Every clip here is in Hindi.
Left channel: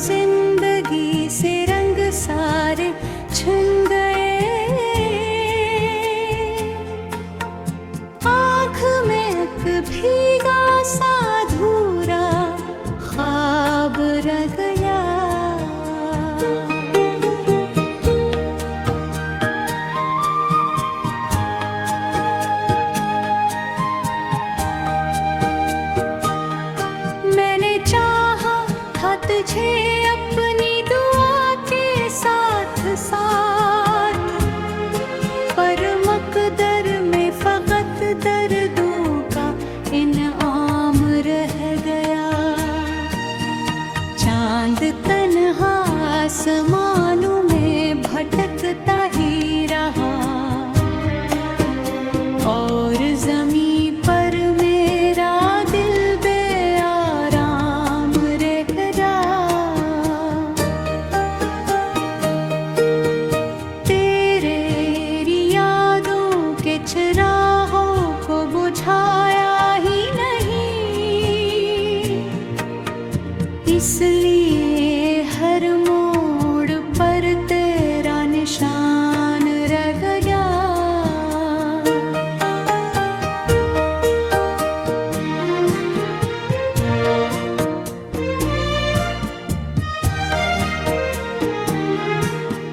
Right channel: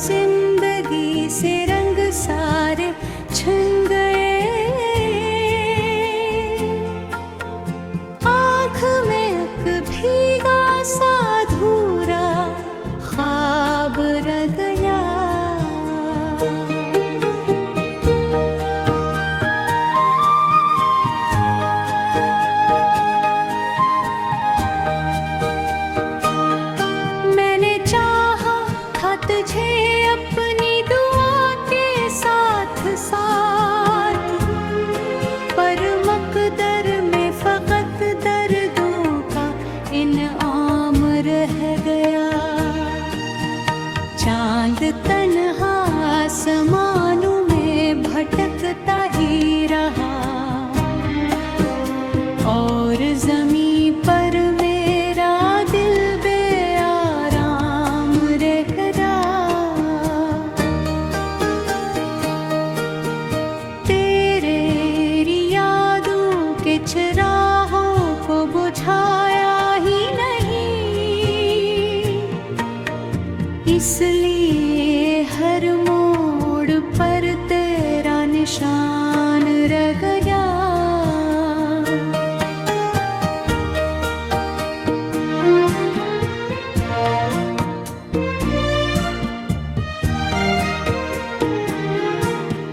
जिंदगी से रंग सारे छिन गए। आँख में एक भीगा सा अधूरा ख्वाब रह गया। मैंने चाहा था तुझे अपनी दुआ के साथ साथ, पर मकदर में फकत दर्दों का इनाम रह गया। चांद तन्हा आसमानों में भटकता ही रहा, और ज़मीं पर मेरा दिल बेआराम रह गया। तेरे यादों के चिरागों को बुझाया ही नहीं, इसलिए हर मोड़ पर तेरा निशान रह गया।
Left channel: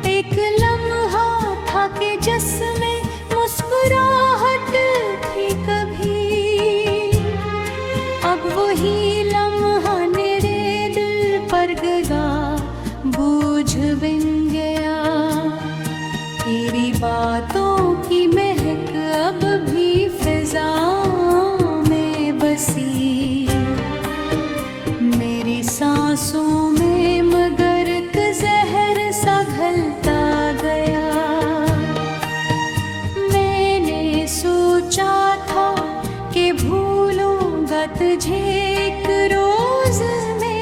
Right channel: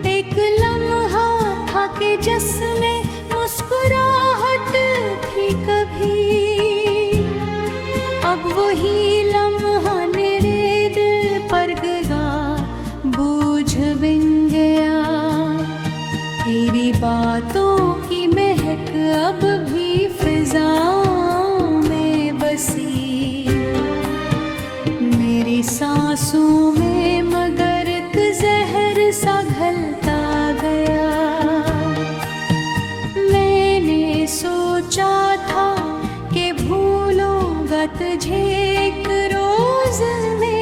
एक लम्हा था कि जिसमें मुस्कुराहट थी कभी, अब वही लम्हा मेरे दिल पर गया, बोझ बिन गया। तेरी बातों की महक अब भी फिजाओं में बसी, मेरी सांसों में मगर एक जहर सा घलता गया। मैंने सोचा था कि भूलूंगा तुझे एक रोज में,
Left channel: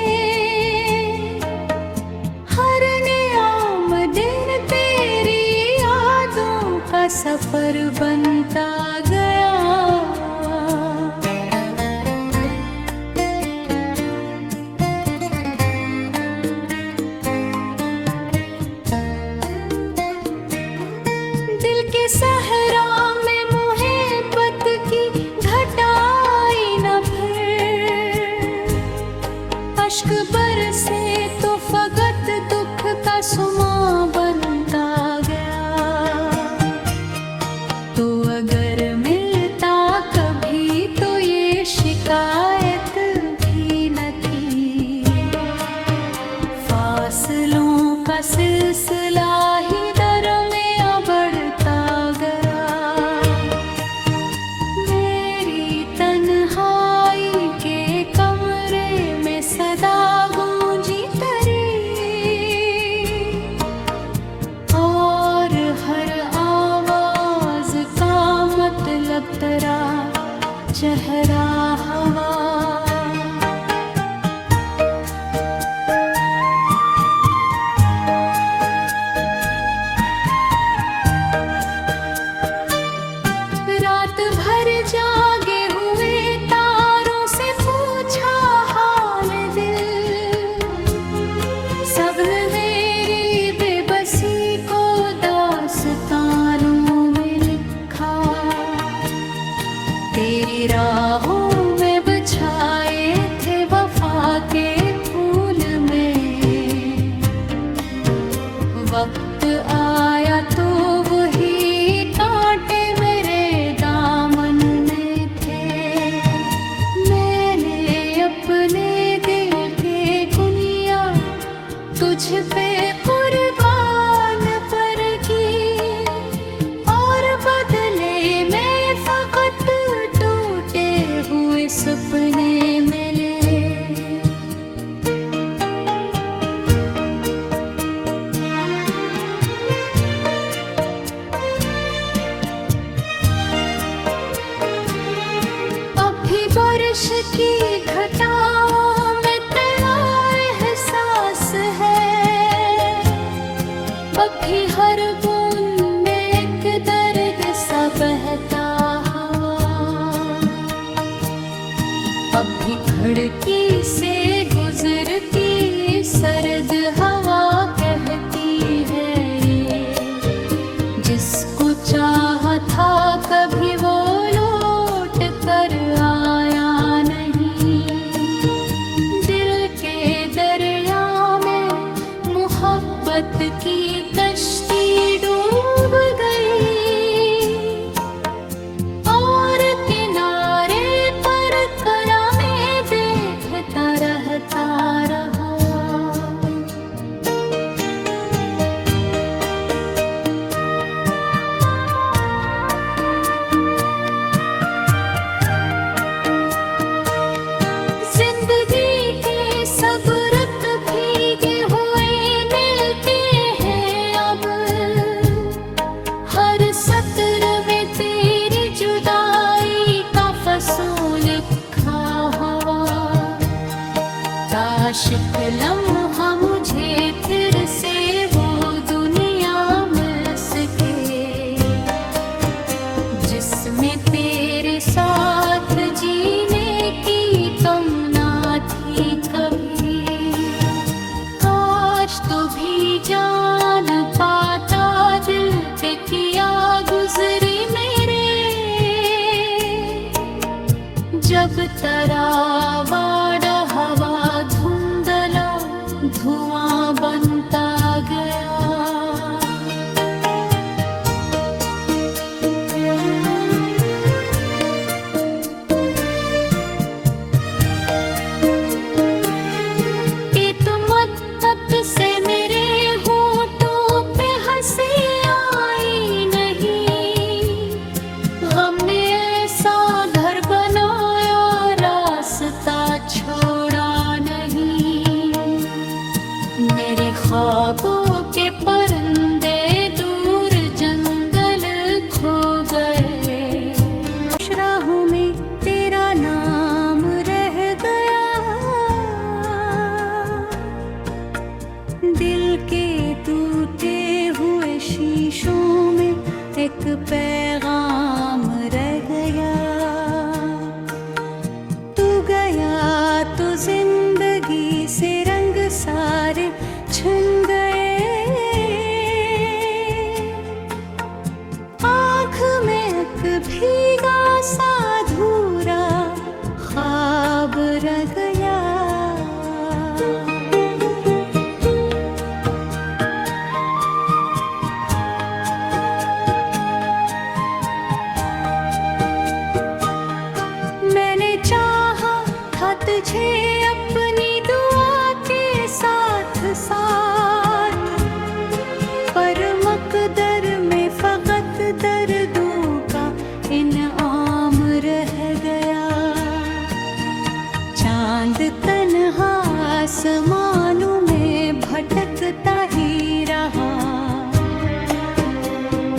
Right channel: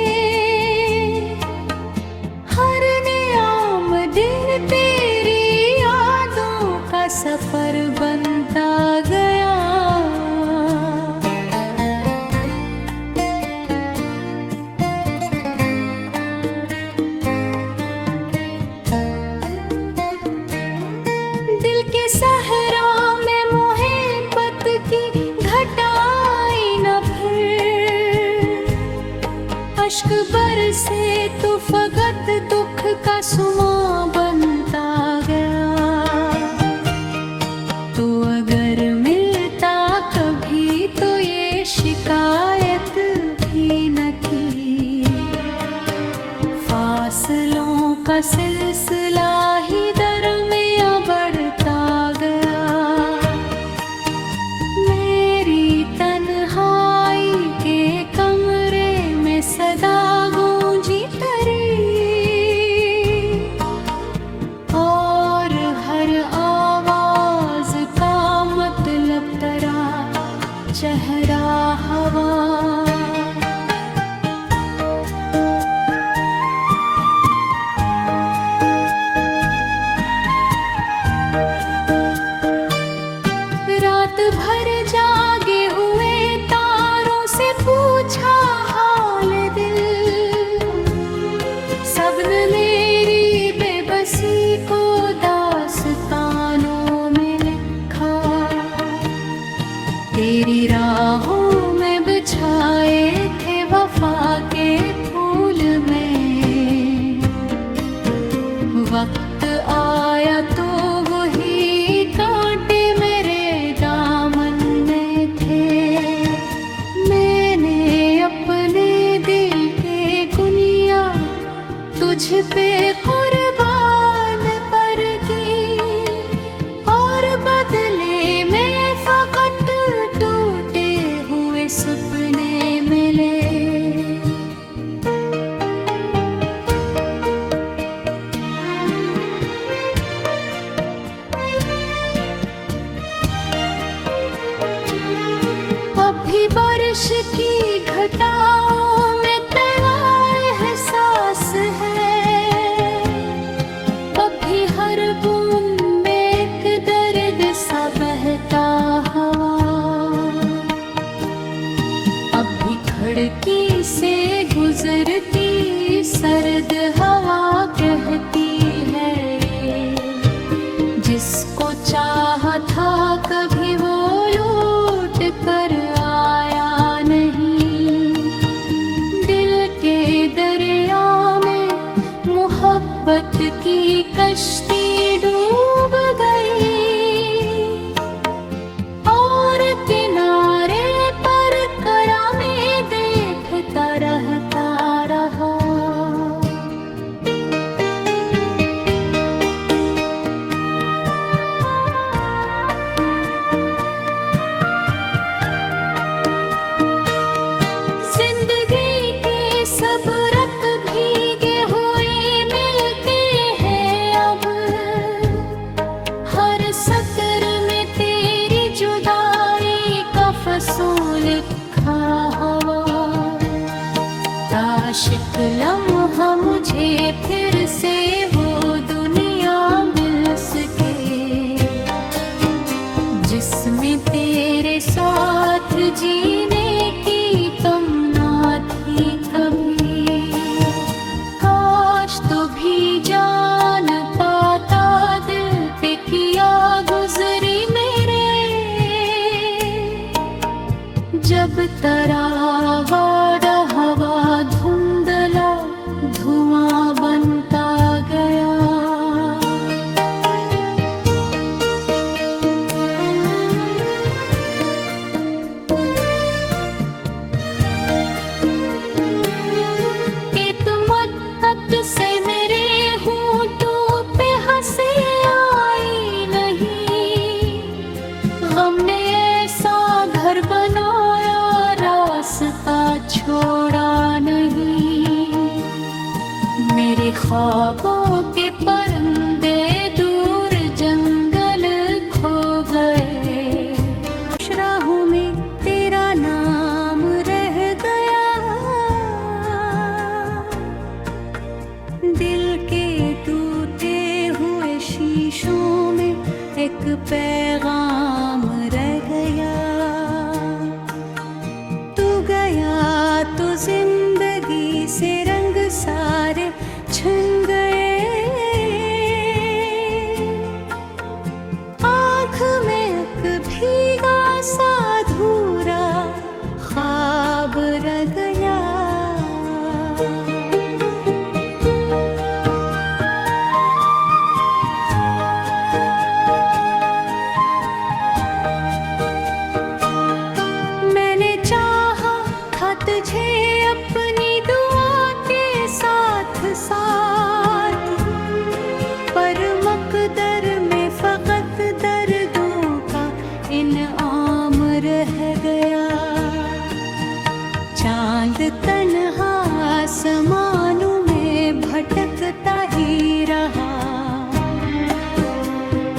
हर नियाम दिन तेरी यादों का सफर बनता गया। दिल के सहरा में मोहब्बत की घटाई न फिर, अश्क बरसे तो फकत दुख का सुमा बनता गया। तो अगर मिलता कभी तो ये शिकायत भी न थी, फासलों का सिलसिला ही दरमियां बढ़ता गया। मेरी तन्हाई के कमरे में सदा गूंजी तरी, और हर आवाज का मतलब तेरा चेहरा हवा। रात भर जागे हुए तारों से पूछा हाल दिल, सबने मेरी बेबसी को दास्तानों में लिखा। तेरी राहों में बिछाए थे वफा के फूल में, वक्त आया तो वही कांटे मेरे दामन में थे। मैंने अपने दिल के गुनिया तुझ पे कुर्बान पर की, और बदले में फकत टूटे हुए सपने मिले। अभी बारिश की घटाओं में तैयार एहसास है, अभी हर बूंद में एक दर्द सा बहता हवा। अब भी खिड़की से गुजरती सर्द हवा कहती है ये, जिसको चाहा था कभी वो लौट कर आया नहीं। दिल के दरिया में मोहब्बत की कश्ती डूब गई और किनारे पर करामे देखता रहता रहा। जिंदगी के सब रंग भीगे हुए मिलते हैं अब, हर सत्र में तेरी जुदाई का फसूल लिखा हवा। काश एक लम्हा मुझे फिर से वो दुनिया मिल सके, जिसमें तेरे साथ जीने की तमन्ना थी कभी। काश तू भी जान पाता दिल पे किया गुजरी मेरे, जब तरावाड़ हवा धुंधला धुआं बनता गया। से मेरे होठों पे हंसी आई नहीं, गम ने ऐसा घर बनाया रास्ता छोड़ा नहीं। मेरे ख्वाबों के परिंदे दूर जंगल खो गए, राहों में तेरा नाम रह गया। दिल के टूटे हुए शीशों में एक पैगाम रह गया। तू गया तो जिंदगी से रंग सारे छिन गए, आँख में एक भीगा सा अधूरा ख्वाब रह गया। तुझे अपनी दुआ के साथ साथ, पर मकदर में फकत दर्दों का इनाम रह गया। चांद तन्हा आसमानों में भटकता ही रहा,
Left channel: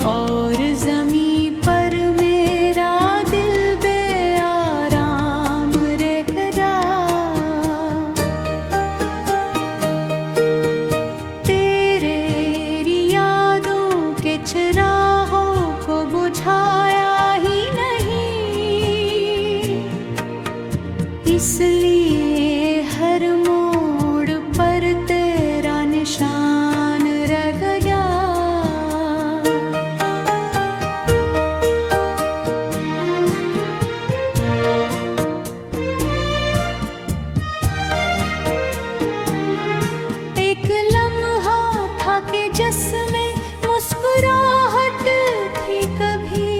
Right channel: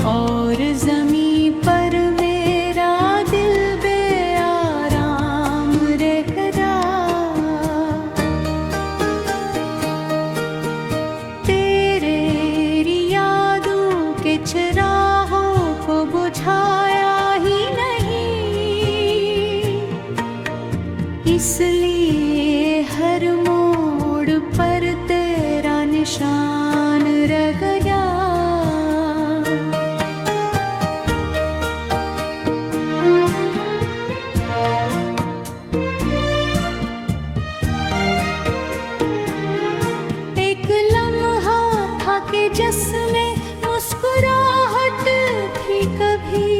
और ज़मीं पर मेरा दिल बेआराम रह गया। तेरी यादों के चिरागों को बुझाया ही नहीं, इसलिए हर मोड़ पर तेरा निशान रह गया। के जिसमें मुस्कुराहट थी कभी,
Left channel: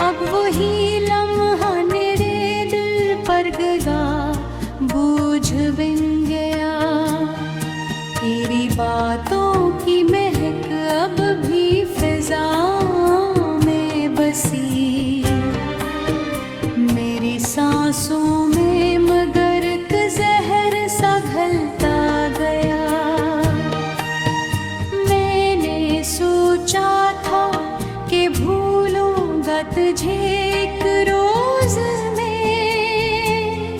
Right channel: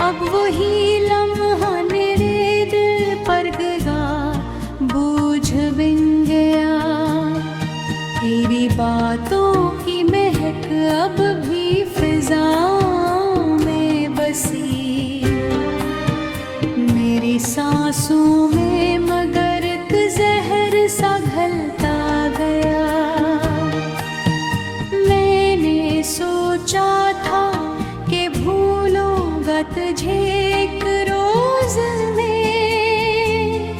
अब वही लम्हा मेरे दिल पर गया, बूझ बिन गया। तेरी बातों की महक अब भी फिजाओं में बसी, मेरी सांसों में मगर एक जहर सा घलता गया। सोचा था कि भूलूंगा तुझे एक रोज में,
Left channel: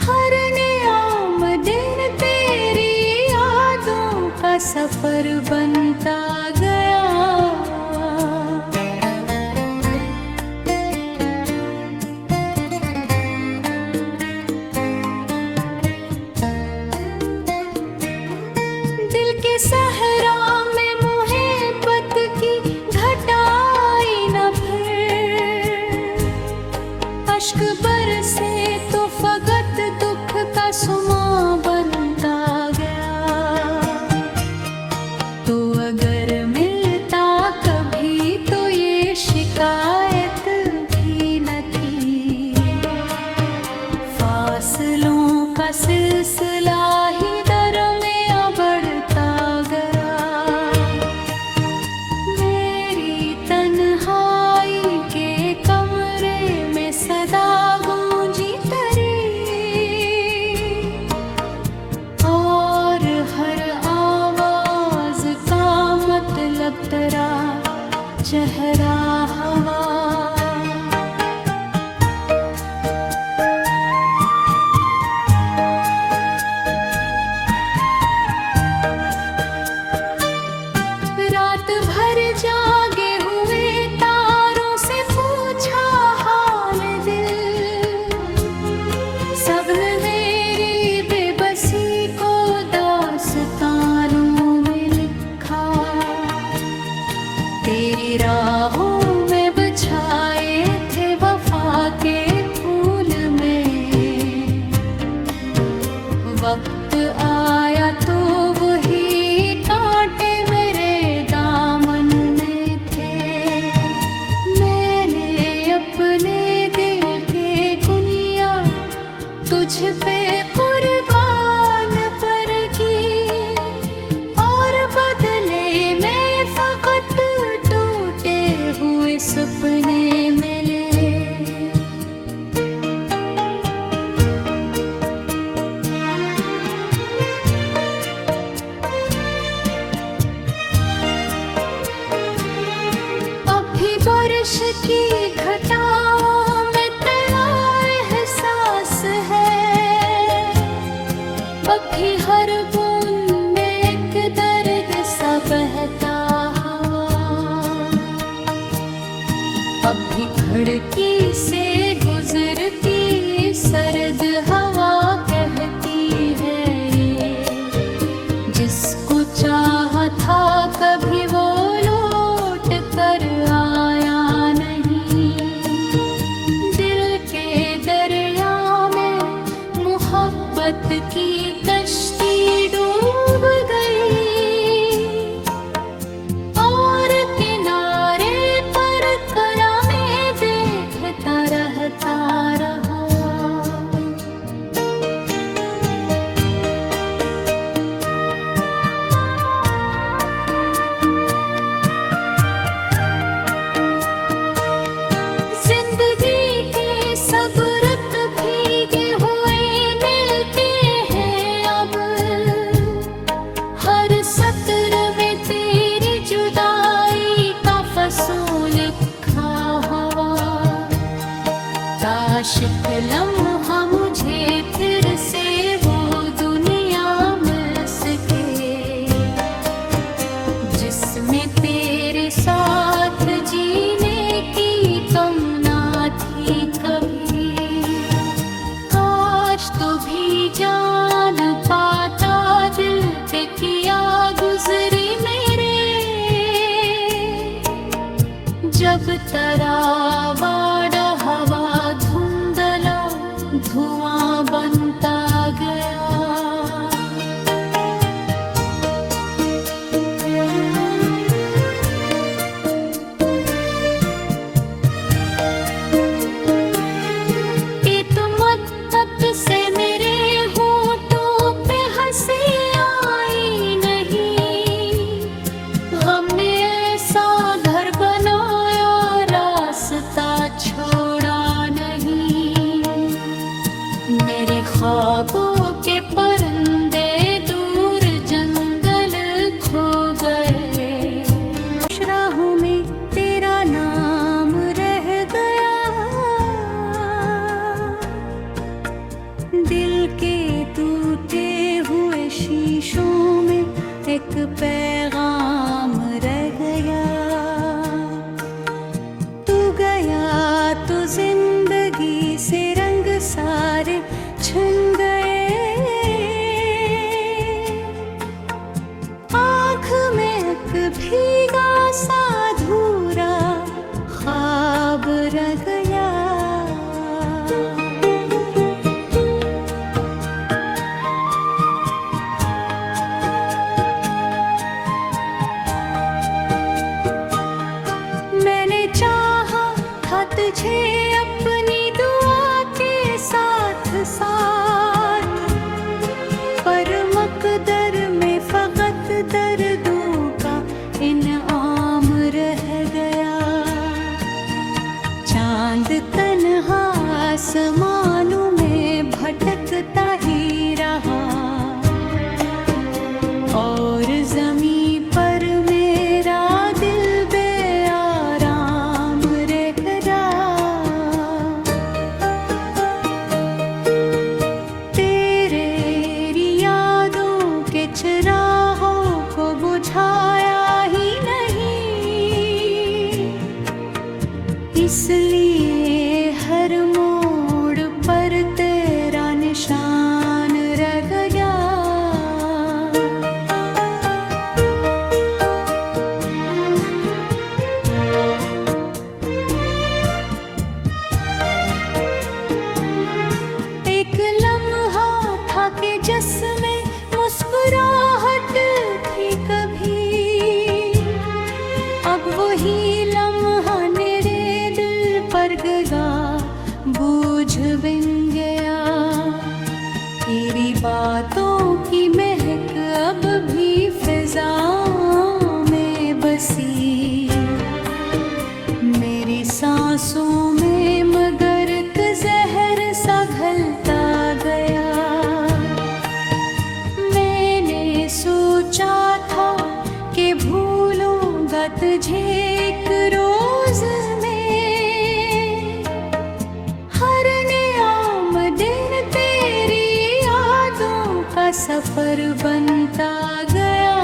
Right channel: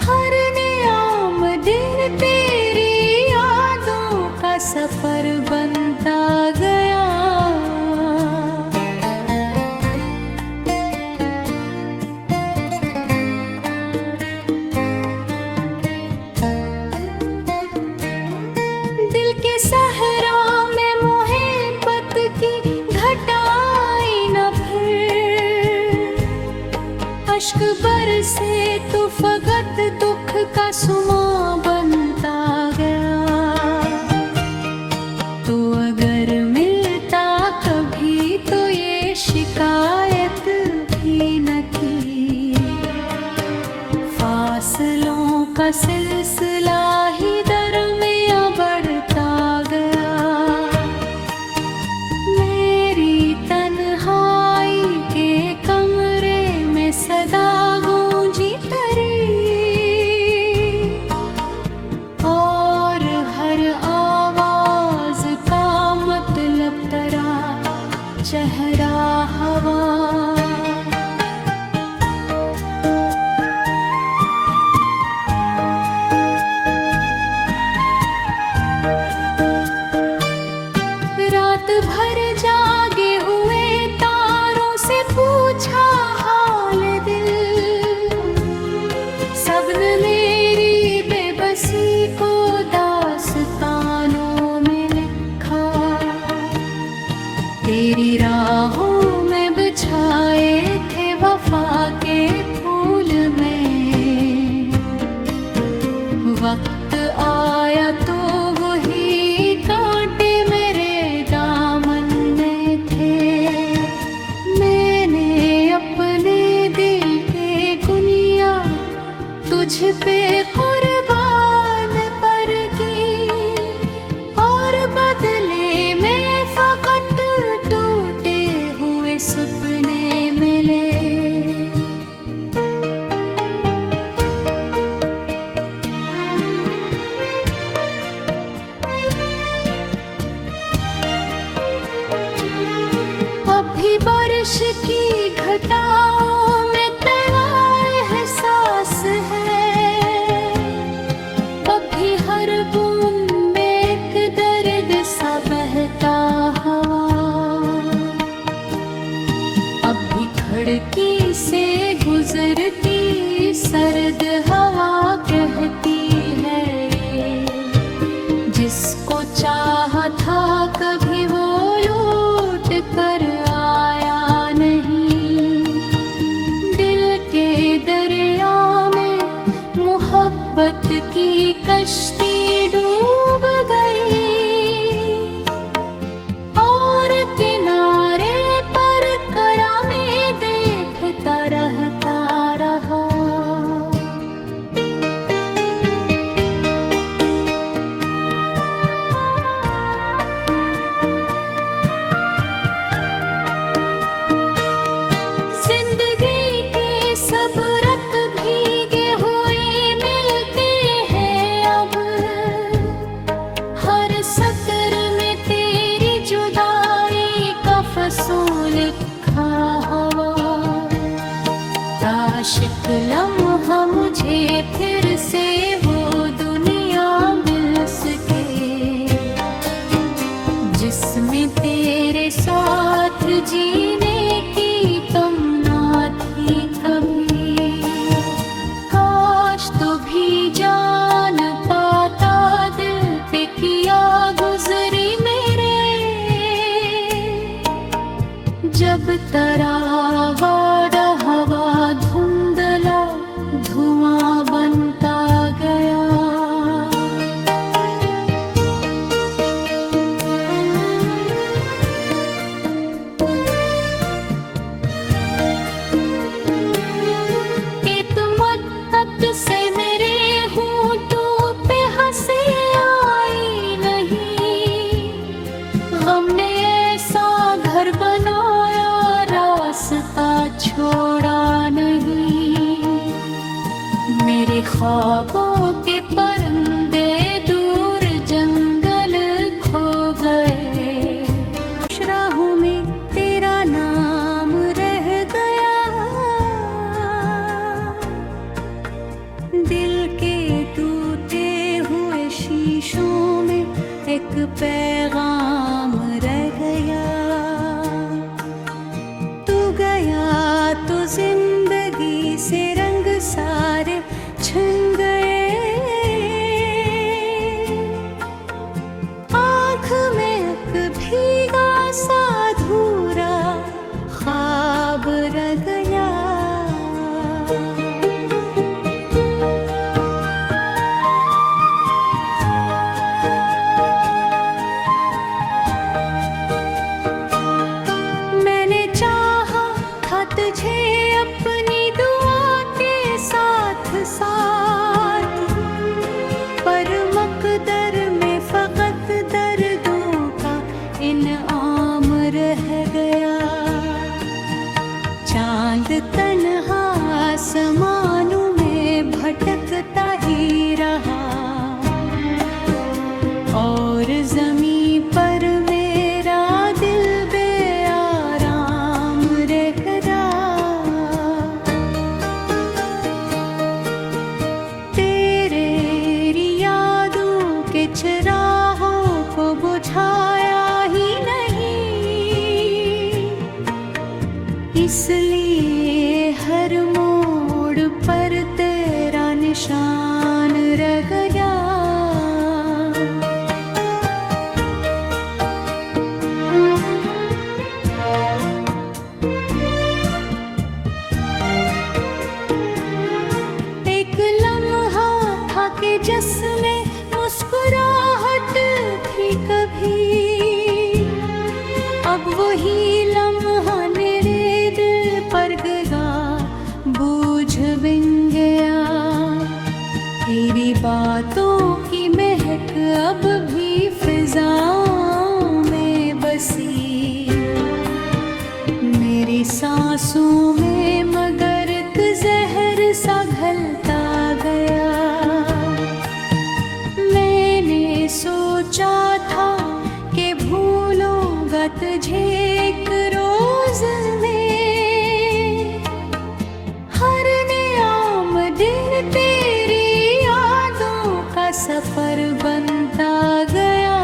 हर नियाम दिन तेरी यादों का सफर बनता गया। अश्क बरसे तो फकत दुख का सुमा बनता गया। तो अगर मिलता कभी तो ये शिकायत भी न थी। फासलों का सिलसिला ही दरमियां बढ़ता गया। मेरी तन्हाई के कमरे में सदा गूंजी तरी, और हर आवाज का मतलब तरा चेहरा हवा। रात भर जागे हुए तारों से पूछा हाल दिल। सबने मेरी बेबसी को दास्तानों में लिखा। तेरी राहों में बिछाए थे वफा के फूल में। वक्त आया तो वही कांटे मेरे दामन में थे। मैंने अपने दिल के कुनिया तुझ पे कुर्बान पर की, और बदले में फकत टूटे हुए सपने मिले। अभी बारिश की घटाओं में तैयार एहसास है। अभी हर बूंद में एक दर्द सा बहता हवा। अभी खिड़की से गुजरती सर्द हवा कहती है ये, जिसको चाहा था कभी वो लौट कर आया नहीं। दिल के दरिया में मोहब्बत की कश्ती डूब गई, और किनारे पर करामे देखता रहता रहा। जिंदगी के सब रंग भीगे हुए मिलते हैं अब। हर सत्र में तेरी जुदाई का फसूल लिखा हवा। काश एक लम्हा मुझे फिर से वो दुनिया मिल सके, जिसमें तेरे साथ जीने की तमन्ना थी कभी। काश तू भी जान पाता दिल पे किया गुजरी मेरे। जब तरावाड़ा हवा धुंधला धुआं बनता गया। से मेरे होठों पे हंसी आई नहीं। गम ने ऐसा घर बनाया रास्ता छोड़ा नहीं। मेरे ख्वाबों के परिंदे दूर जंगल खो गए। राहों में तेरा नाम रह गया। दिल के टूटे हुए शीशों में एक पैगाम रह गया। तू गया तो जिंदगी से रंग सारे छिन गए। आँख में एक भीगा सा अधूरा ख्वाब रह गया। आसमानों में भटकता ही रहा और ज़मीं पर मेरा दिल बेआराम रह गया। तेरे यादों के चिरागों को बुझाया ही नहीं, इसलिए हर मोड़ पर तेरा निशान रह गया। एक लम्हा था कि जिसमें मुस्कुराहट थी कभी, अब वही लम्हा मेरे दिल पर गया, बोझ बन गया। तेरी बातों की महक अब भी फिजाओं में बसी, मेरी सांसों में मगर एक जहर सा घलता गया। मैंने सोचा था कि भूलूंगा तुझे एक रोज में, हर नियाम दिन तेरी यादों का सफर बनता गया।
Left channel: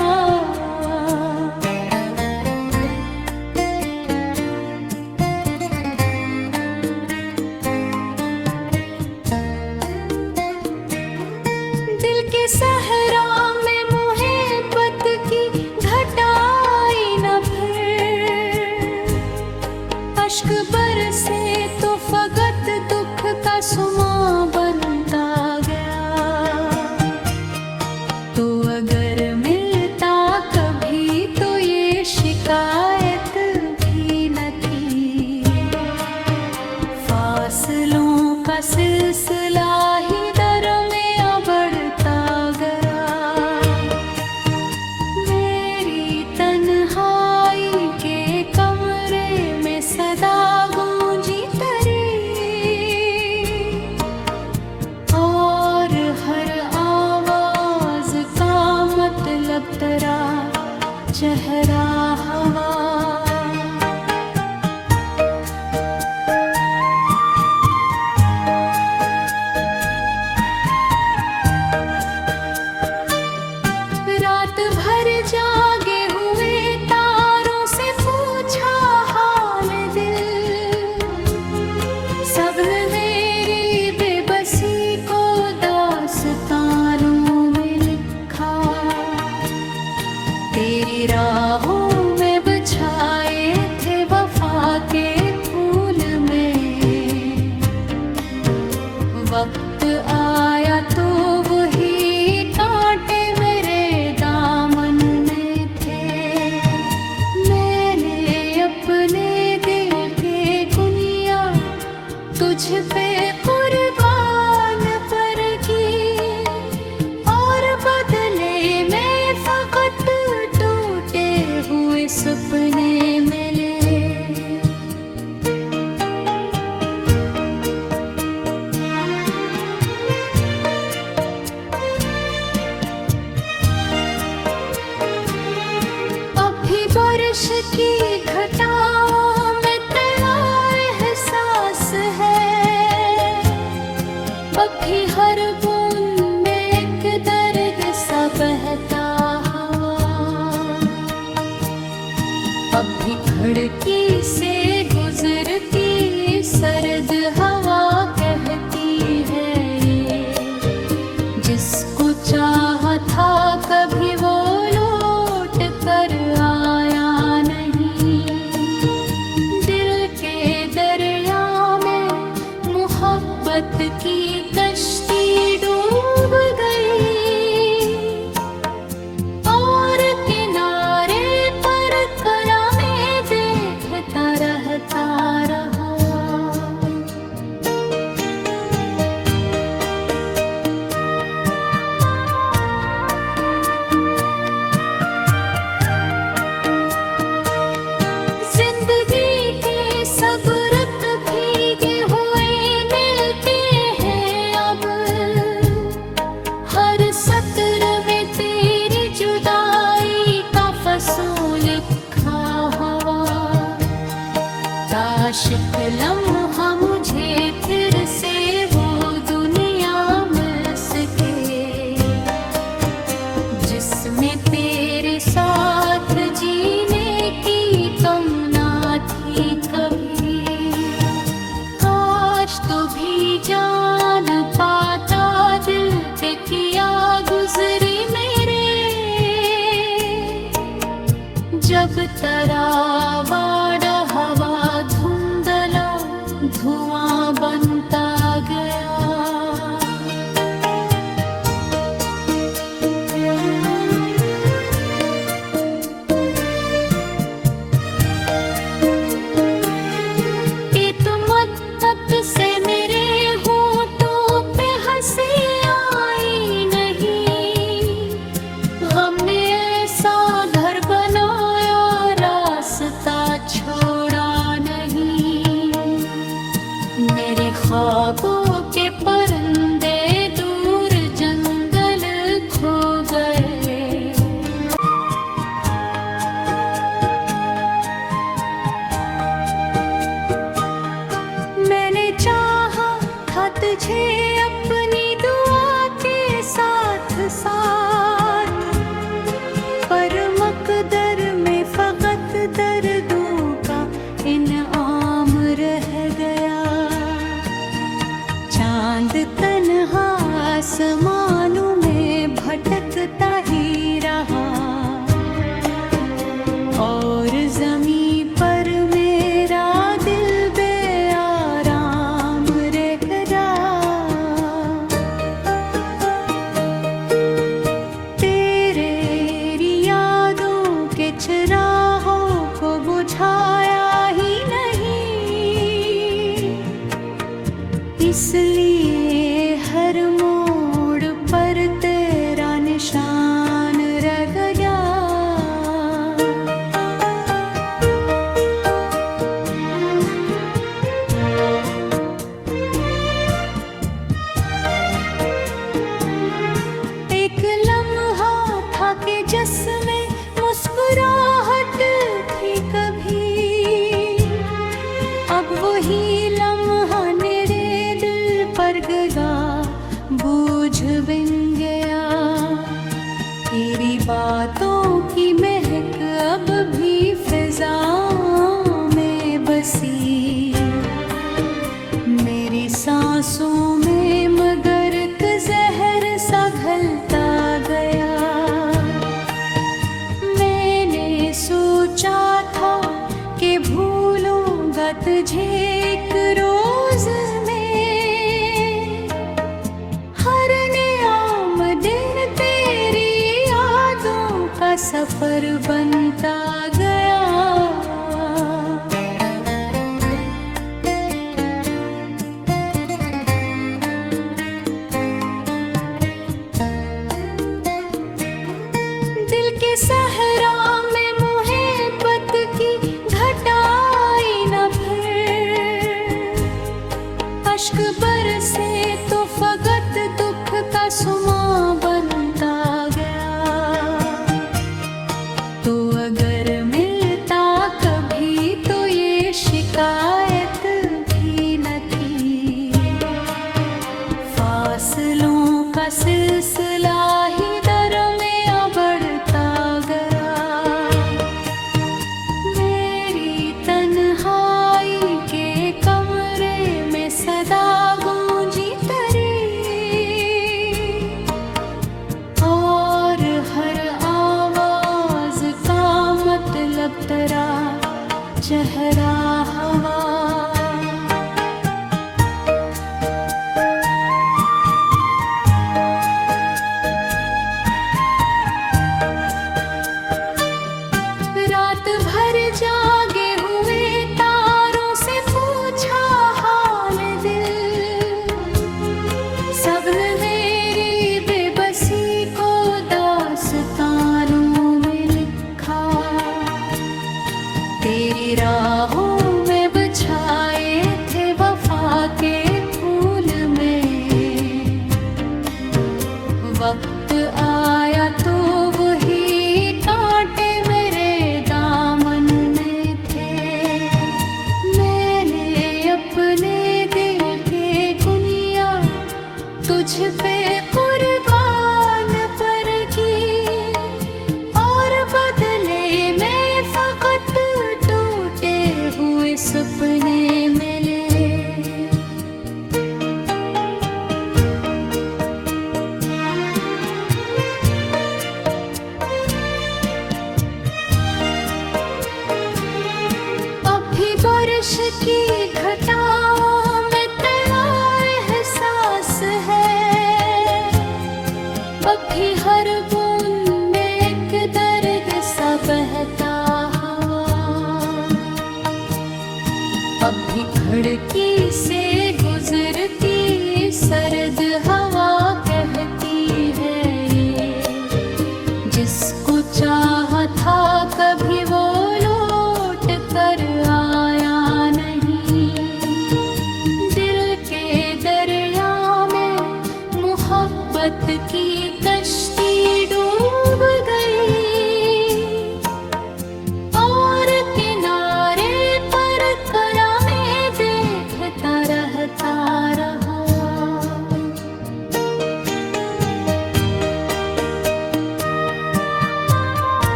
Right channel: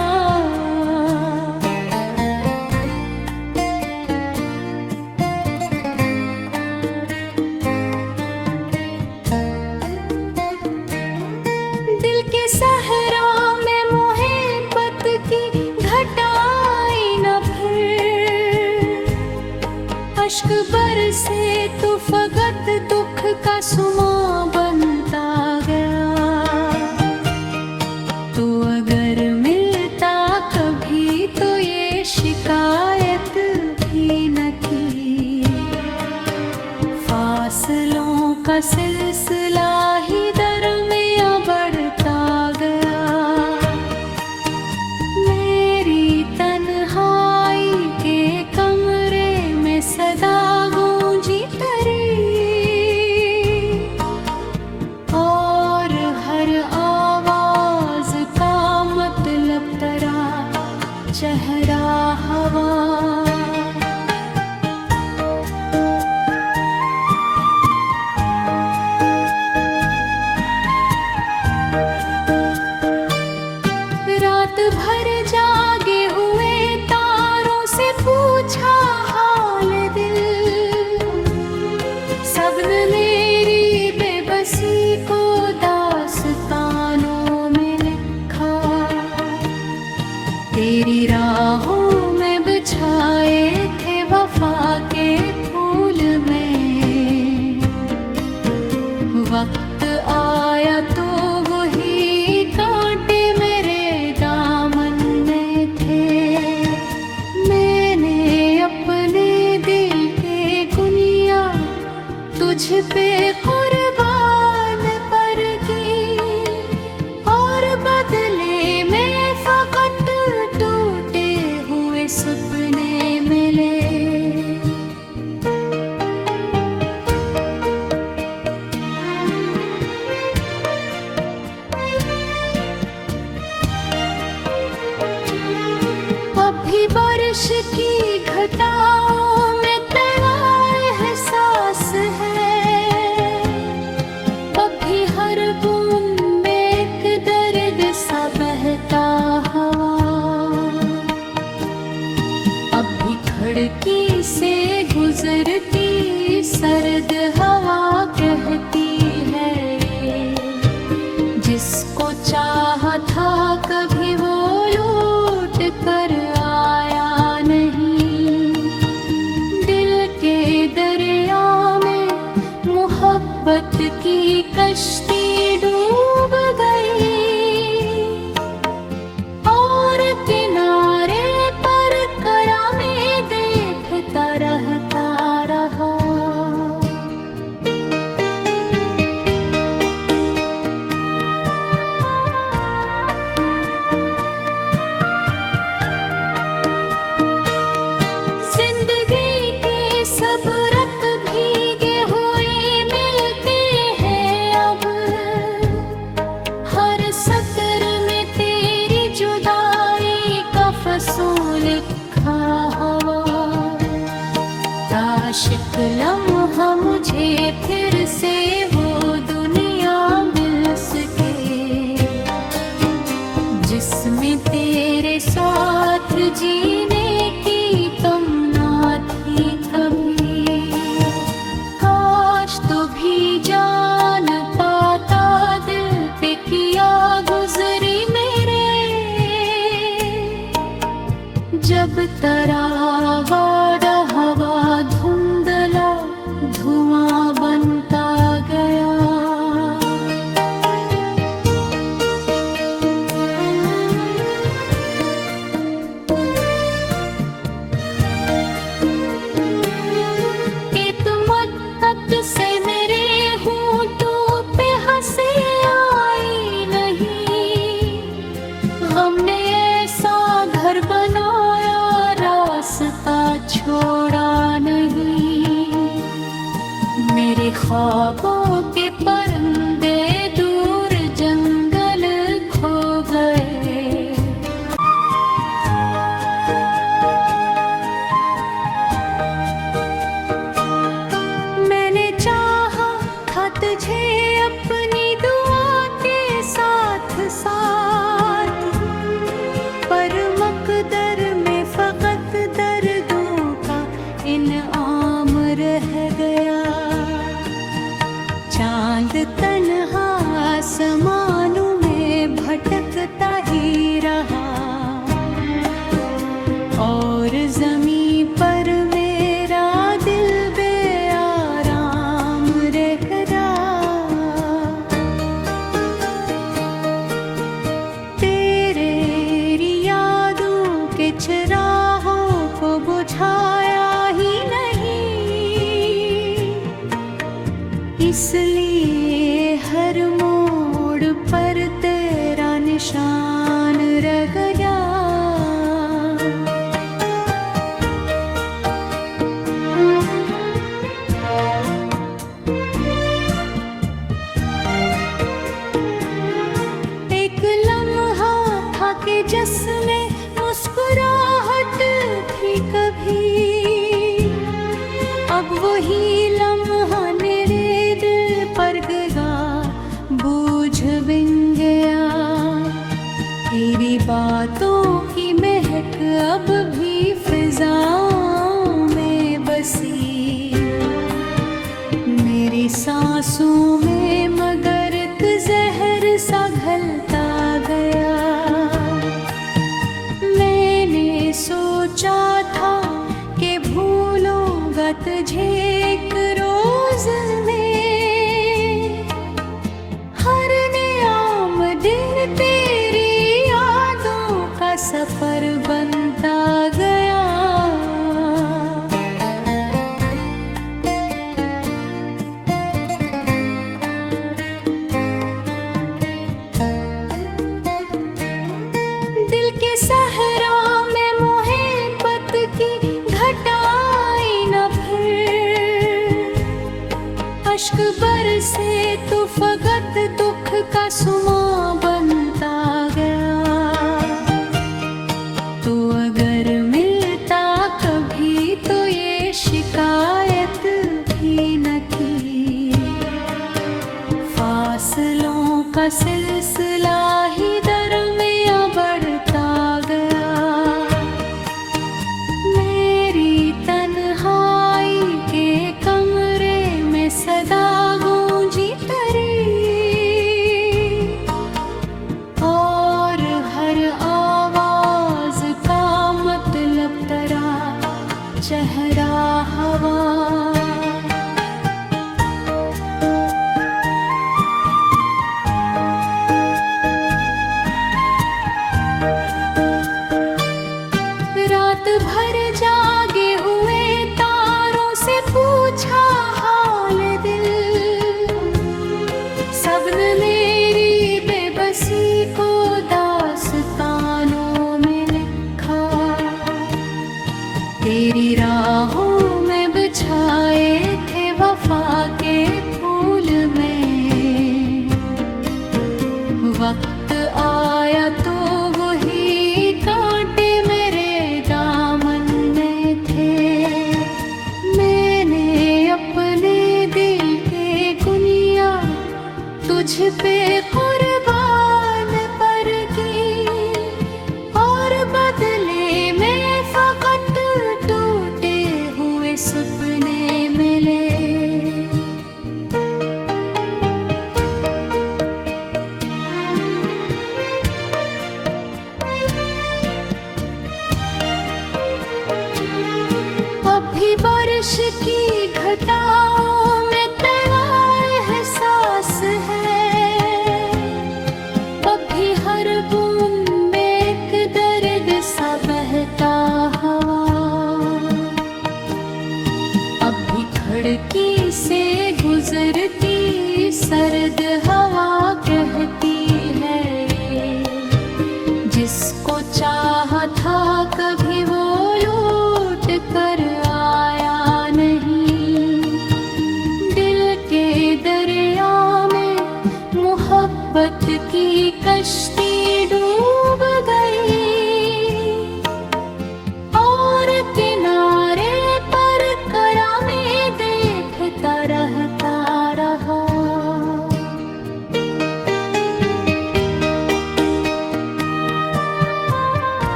दिल के सहरा में मोहब्बत की घटाई न फिर, अश्क बरसे तो फकत दुख का सुमा बनता गया। तो अगर मिलता कभी तो ये शिकायत भी न की, फासलों का सिलसिला ही दरमियां बढ़ता गया। मेरी तन्हाई के कमरे में सदा गूंजी तरी, और हर आवाज का मतलब तरा चेहरा हवा। रात भर जागे हुए तारों से पूछा हाल दिल, सबने मेरी बेबसी को दास्तानों में लिखा। तेरी राहों में बिछाए थे वफा के फूल में, वक्त आया तो वही कांटे मेरे दामन में थे। मैंने अपने दिल के गुनिया तुझ पे कुर्बान पर की, और बदले में फकत टूटे हुए सपने मिले। अभी बारिश की घटाओं में तैयार एहसास है, अभी हर बूंद में एक दर्द सा बहता हवा। अभी खिड़की से गुजरती सर्द हवा कहती है, ये जिसको चाहा था कभी वो लौट कर आया नहीं। दिल के दरिया में मोहब्बत की कश्ती डूब गई, और किनारे पर करा में देखता रहता रहा। जिंदगी के सब रंग भीगे हुए मिलके एक लम्हा मुझे फिर से वो दुनिया मिल सके जिसमें तेरे साथ जीने की तमन्ना थी कभी। काश तू भी जान पाता दिल पे किया गुजरी मेरे, जब तरावा हवा धुंधला धुआं बनता गया। कि तुम तब से मेरे होठों पे हंसी आई नहीं, गम ने ऐसा घर बनाया रास्ता छोड़ा नहीं। मेरे ख्वाबों के परिंदे दूर जंगल खो गए। मैंने चाहा था तुझे अपनी दुआ के साथ साथ, पर मकदर में फकत दर्दों का इनाम रह गया। चांद तन्हा आसमानों में भटकता ही रहा, और ज़मीं पर मेरा दिल बेआराम रह गया। तेरे यादों के चिरागों को बुझाया ही नहीं, इसलिए हर मोड़ पर तेरा निशान रह गया। एक लम्हा था कि जिसमें मुस्कुराहट थी कभी, अब वही लम्हा मेरे दिल पर गया बोझ बिन गया। तेरी बातों की महक अब भी फिजाओं में बसी, मेरी सांसों में मगर एक जहर सा घलता गया। मैंने सोचा था कि भूलूंगा तुझे एक रोज में, हर नियाम दिन तेरी यादों का सफर बनता गया। दिल के सहरा में मोहब्बत की घटाई न फिर, अश्क बरसे तो फकत दुख का सुमा बनता गया। तो अगर मिलता कभी तो ये शिकायत भी न थी, फासलों का सिलसिला ही दरमियां बढ़ता गया। मेरी तन्हाई के कमरे में सदा गूंजी तरी, और हर आवाज का मतलब तरा चेहरा हवा। रात भर जागे हुए तारों से पूछा हाल दिल, सबने मेरी बेबसी को दास्तानों में लिखा। तेरी राहों में बिछाए थे वफा के फूल में, वक्त आया तो वही कांटे मेरे दामन में थे। मैंने तुझ पे कुर्बान पर की, और बदले में फकत टूटे हुए सपने मिले। अभी बारिश की घटाओं में तैयार है सांस है, अभी हर बूंद में एक दर्द सा बहता हवा। अभी खिड़की से गुजरती सर्द हवा कहती है ये, जिसको चाहा था कभी वो लौट कर आए।